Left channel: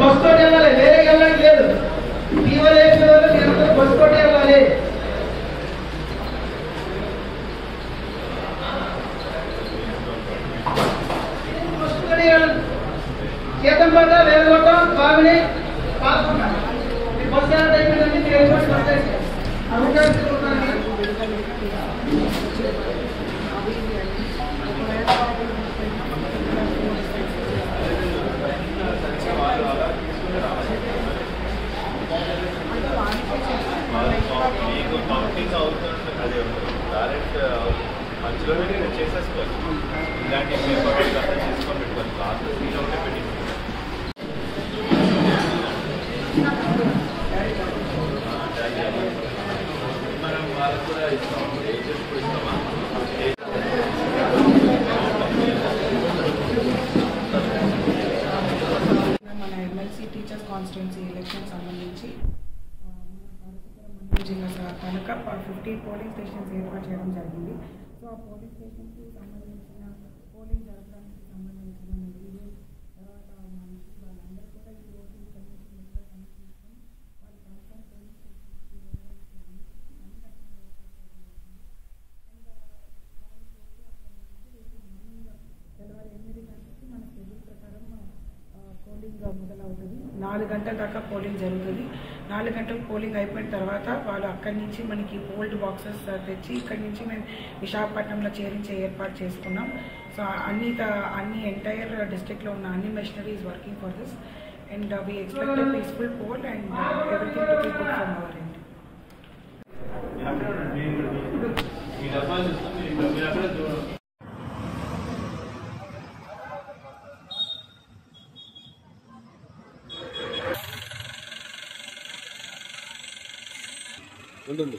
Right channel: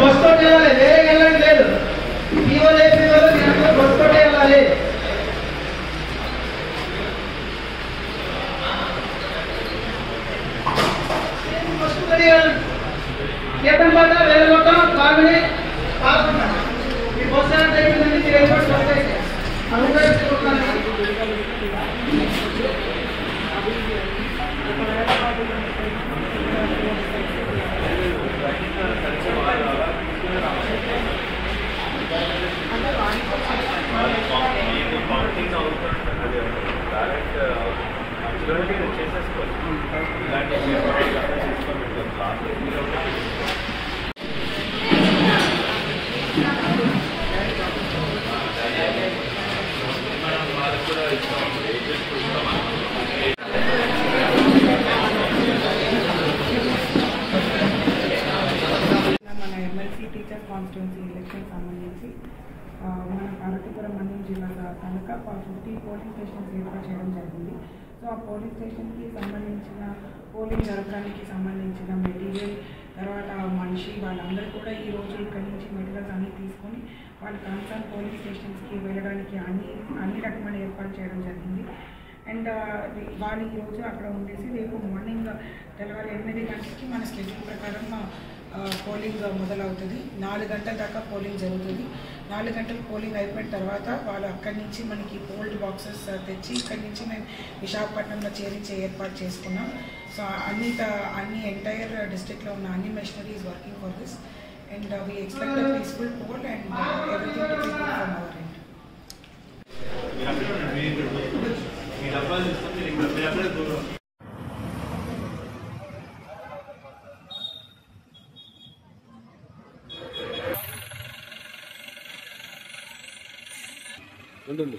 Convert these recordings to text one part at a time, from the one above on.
Bus తోటి వెళ్ళాలి, వేరే వెళ్ళడం లేదు. ఫీవర్ అయిపోయేవాళ్ళు మీరందరూ బస్ తోటి వెళ్ళాలి. కేతంపేట వేలగొట్టం కామిని పాల్గొండ మీ బస్ స్టాండ్ అయిపోయిందండి. మీరు ఎయిర్పోర్ట్ బస్ అయితే టీచర్స్ కాన్స్టిట్యున్సీ ఎలక్షన్ సంబంధించి మన పార్వతీపురం మండలం జిల్లా కనుక 15 పోలింగ్ స్టేషన్స్ ఏర్పాటు చేయడం జరిగింది. సో ఆ పోలింగ్ స్టేషన్కి సంబంధించిన పోలింగ్ జరగడానికి సంబంధించిన మెటీరియల్ తర్వాత మనిషి వాళ్ళందరూ కూడా ఈరోజు ఇక్కడి నుంచి మెటీరియల్స్ అన్నీ తీసుకొని వాళ్ళ కన్సర్న్ పోలింగ్ స్టేషన్స్కి వెళ్ళడానికి అన్ని రకమైన ఏర్పాటు చేయడం జరిగింది. అండ్ వాళ్ళు ఈరోజు అక్కడ ఉండేసి రేపు మార్నింగ్ తెల్లవారు 8 గంటలకి మన షెడ్యూల్ ప్రకారం పోలింగ్ మొదలవుతుంది. 4 గంటల దాకా పోలింగ్ జరుగుతుంది. 4 గంటలు పోలింగ్ అయిపోయిన తర్వాత వాళ్ళు అక్కడి నుంచి మనకి పోల్డ్ బాక్సెస్ తెచ్చి ఇక్కడి నుంచి మేము విశాఖపట్నంలో చేరించే ఏర్పాటు చేసుకున్నాం. సో అన్ని ఎంటైర్ డిస్ట్రిక్ట్లో ఉన్న అన్ని machineries working for this and we expect a peaceful poll and everything to be good from our end. ఉంటుంది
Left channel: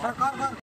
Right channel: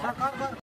INPA